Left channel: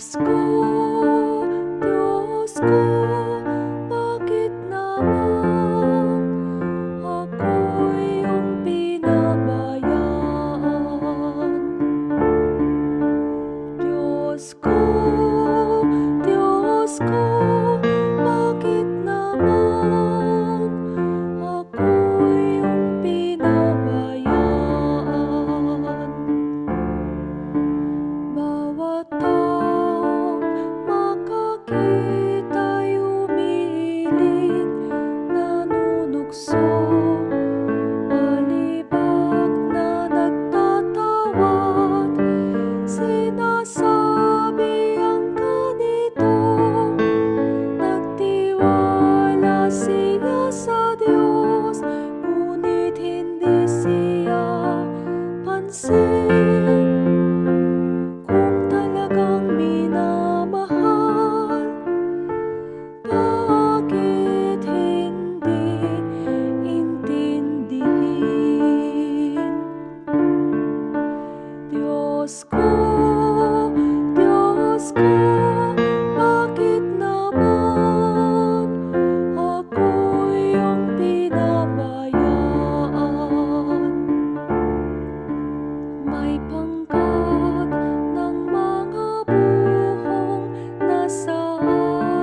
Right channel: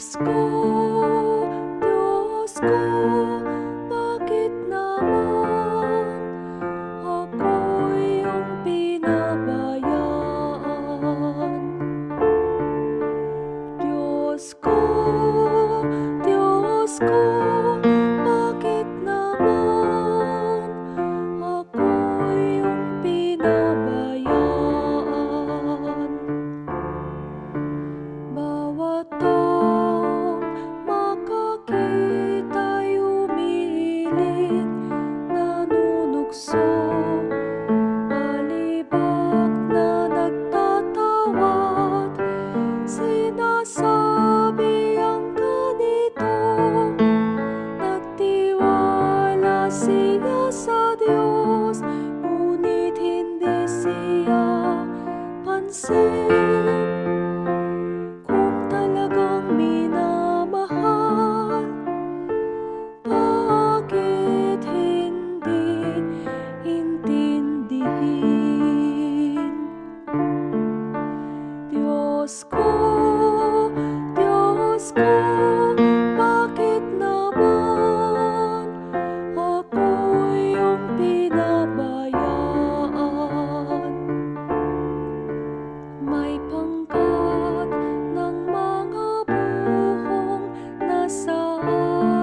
Diyos ko, bakit naman ako iyong pinabayaan? Diyos ko, bakit naman ako iyong pinabayaan? Bawat taong makakita'y umiiling, nanunukso, palibak na nagtatawad. Sinasabi ang ganito, nagtiwala siya sa Diyos, ngunit hindi siya pansin. Kung talagang minamahal, bakit hindi intindihin? Diyos ko, bakit naman ako iyong pinabayaan? May pangkat ng mga buhong nasa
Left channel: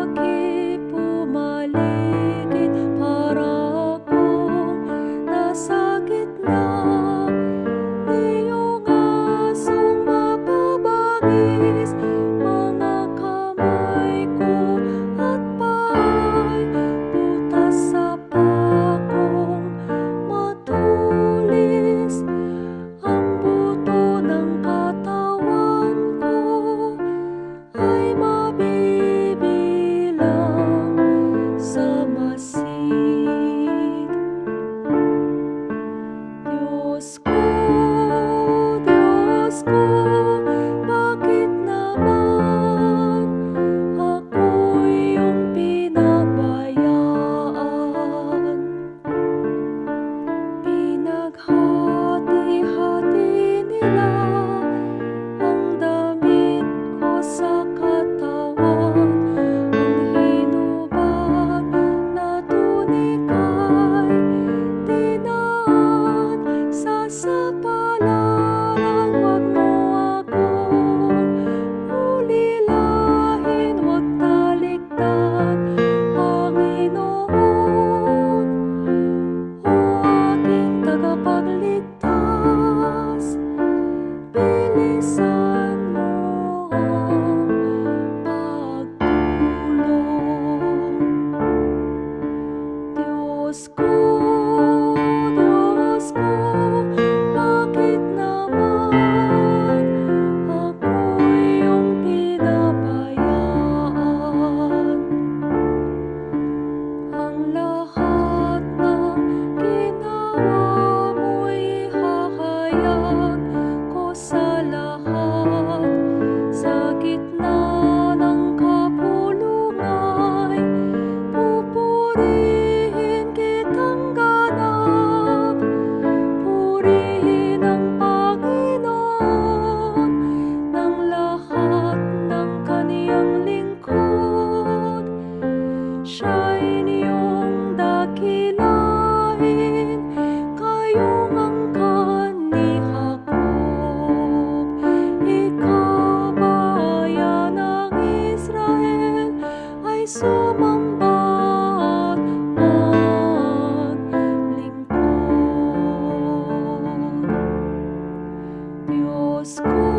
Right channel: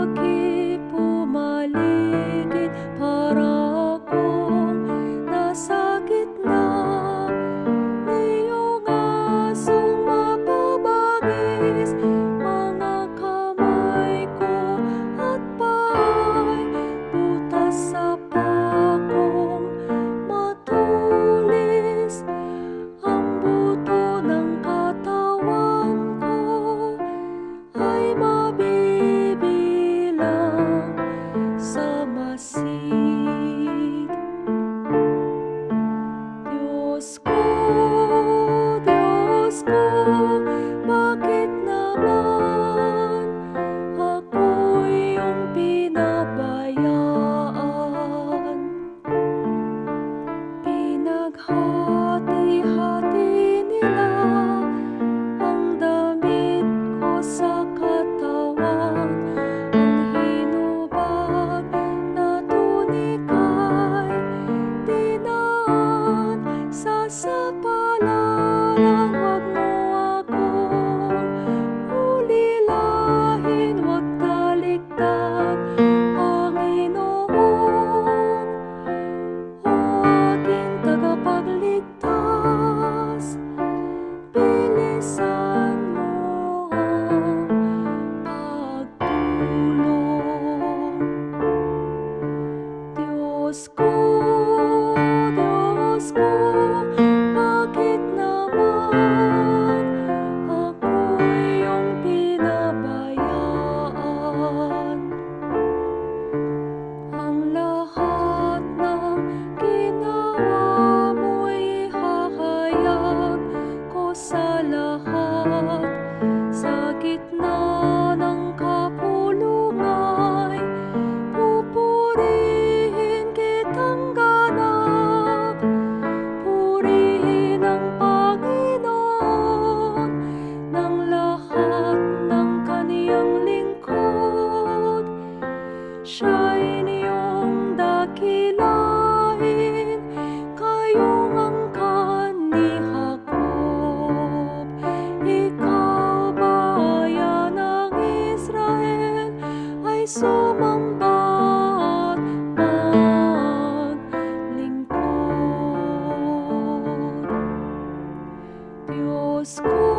aking pumaligid, para akong nasa gitna niyong asong mapabagis. Mga kamay ko at pa'y butas sa pakong matulis. Ang buto ng katawan ko ay mabibilang sa masid. Diyos ko, bakit naman ako iyong pinabayaan? Pinaghati-hati nila ang damit ko sa katawan, ang hinubad na tunika'y dinaan sa sapalaran. Huwag mo akong ulilahin, huwag talikdan, Panginoon, o aking tagapagligtas. Bilisan mo ang pagtulong. Diyos ko, bakit naman ako iyong pinabayaan? Ang lahat ng ginawa mo'y ihahayag ko sa lahat. Sa gitna ng kapulungay, pupurihin kitang ganap. Purihin ang Panginoon ng lahat ng kaniyang lingkod. Siya'y inyong dakilain, kayong angkan ni Jacob. Ikaw, bayan ng Israel, ay sumamba at maglingkod. Diyos ko,